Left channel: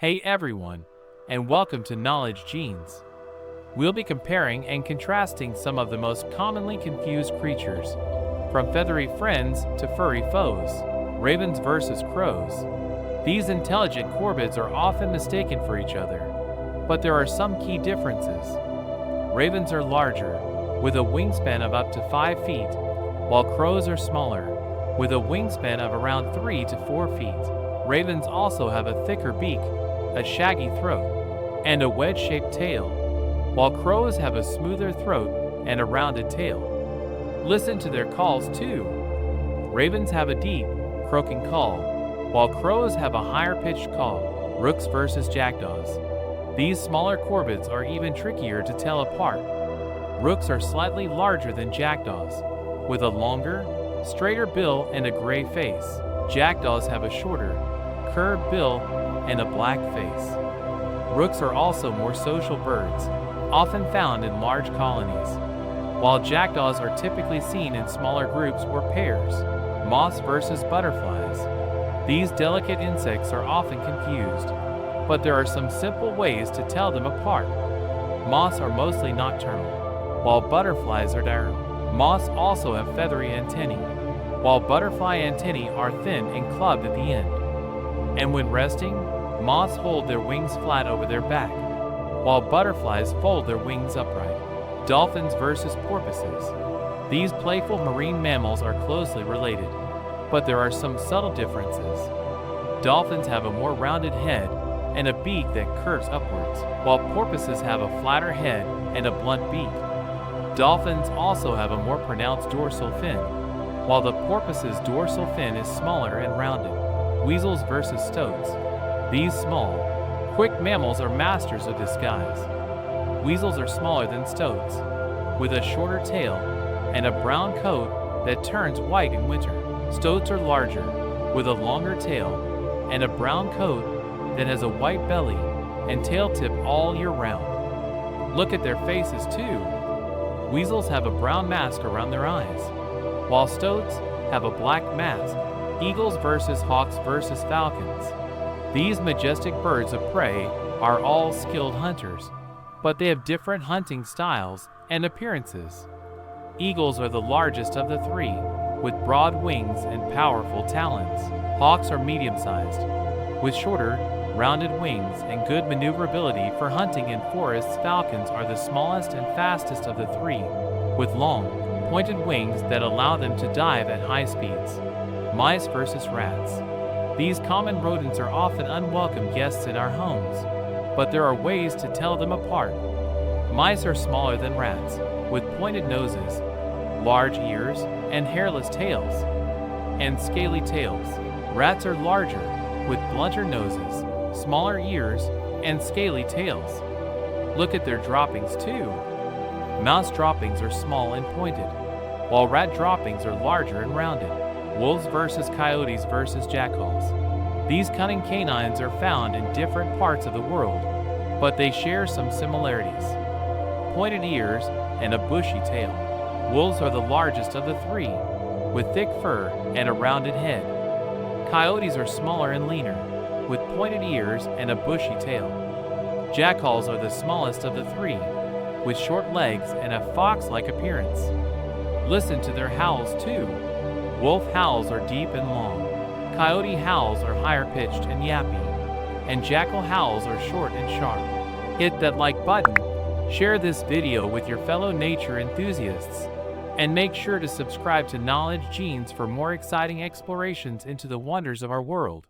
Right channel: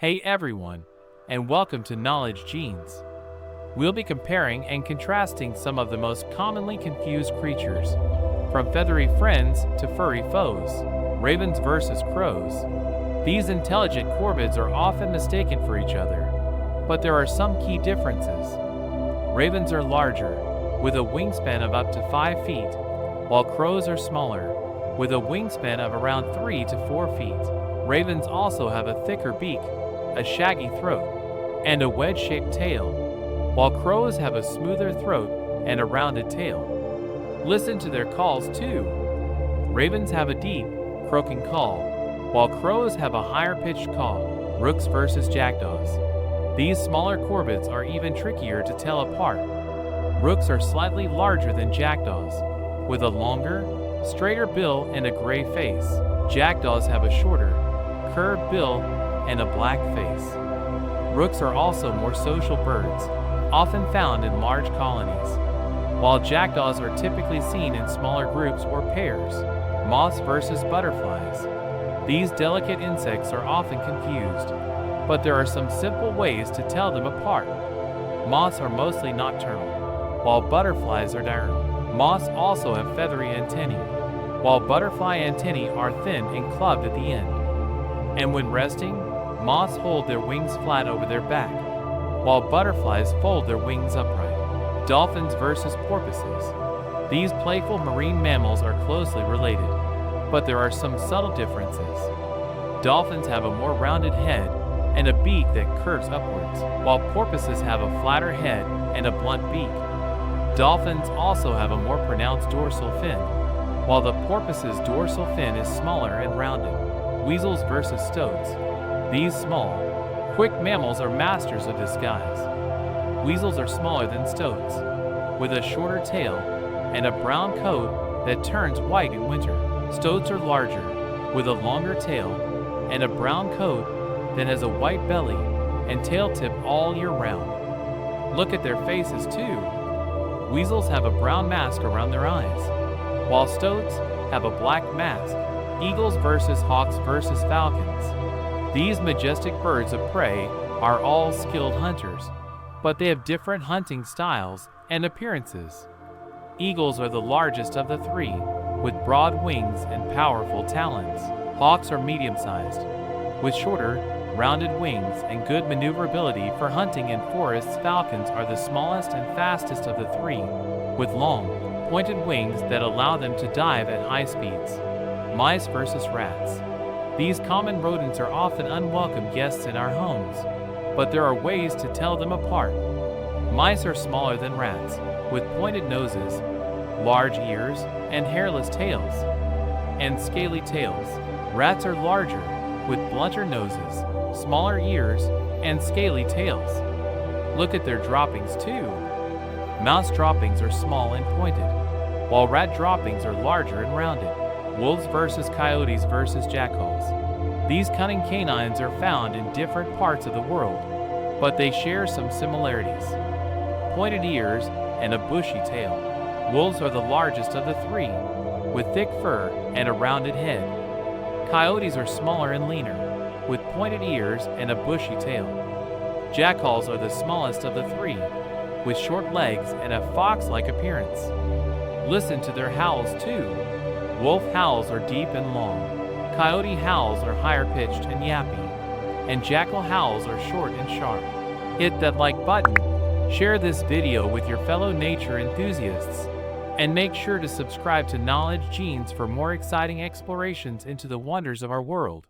Hey everyone, and welcome to Knowledge Genes. We'll be comparing and contrasting some of the most commonly confused creatures, from feathery friends to furry foes, ravens versus crows. These intelligent corvids are often mistaken for each other, but there are some key differences. Ravens are larger, with a wingspan of up to 5 feet, while crows are smaller, with a wingspan of around 3 to 4 feet. Ravens also have a thicker beak, a shaggy throat, and a wedge-shaped tail, while crows have a smoother throat and a rounded tail. Listen to their calls too. Ravens have a deep, croaking call, while crows have a higher-pitched call. Rooks versus jackdaws. These smaller corvids are even trickier to tell apart. Rooks are slightly larger than jackdaws, with a longer, straighter bill and a gray face. Jackdaws have a shorter, curved bill and a black face. Rooks are also more social birds, often found in large colonies, while jackdaws are typically seen in smaller groups or pairs. Moths versus butterflies. These delicate insects are often confused, but there are some simple ways to tell them apart. Moths are mostly nocturnal, while butterflies are diurnal. Moths also have feathery antennae, while butterfly antennae are thin and clubbed at the end. And when resting, moths hold their wings flat over their back, while butterflies fold their wings upright. Dolphins versus porpoises. These playful marine mammals are closely related, but there are some subtle differences. Dolphins have a more rounded head and a beak that curves upwards, while porpoises have a flatter head and a blunt beak. Dolphins also have a more pronounced dorsal fin, while the porpoise's dorsal fin is smaller and rounded. Weasels versus stoats. These small, quick mammals are masters of disguise. Weasels are smaller than stoats, with a shorter tail and a brown coat that turns white in winter. Stoats are larger, with a longer tail and a brown coat that has a white belly and tail tip all year round. Look at their faces too. Weasels have a brown mask around their eyes, while stoats have a black mask. Eagles versus hawks versus falcons. These majestic birds of prey are all skilled hunters, but they have different hunting styles and appearances. Eagles are the largest of the three, with broad wings and powerful talons. Hawks are medium-sized, with shorter, rounded wings and good maneuverability for hunting in forests. Falcons are the smallest and fastest of the three, with long, pointed wings that allow them to dive at high speeds. Mice versus rats. These common rodents are often unwelcome guests in our homes, but there are ways to tell them apart. Mice are smaller than rats, with pointed noses, large ears, and hairless tails, and scaly tails. Rats are larger, with blunter noses, smaller ears, and scaly tails. Look at their droppings too. Mouse droppings are small and pointed, while rat droppings are larger and rounded. Wolves versus coyotes versus jackals. These cunning canines are found in different parts of the world, but they share some similarities: pointed ears and a bushy tail. Wolves are the largest of the three, with thick fur and a rounded head. Coyotes are smaller and leaner, with pointed ears and a bushy tail. Jackals are the smallest of the three, with short legs and a fox-like appearance. Listen to their howls too. Wolf howls are deep and long, coyote howls are higher-pitched and yappy, and jackal howls are short and sharp. Hit that like button, share this video with your fellow nature enthusiasts, and make sure to subscribe to Knowledge Genes for more exciting explorations into the wonders of our world.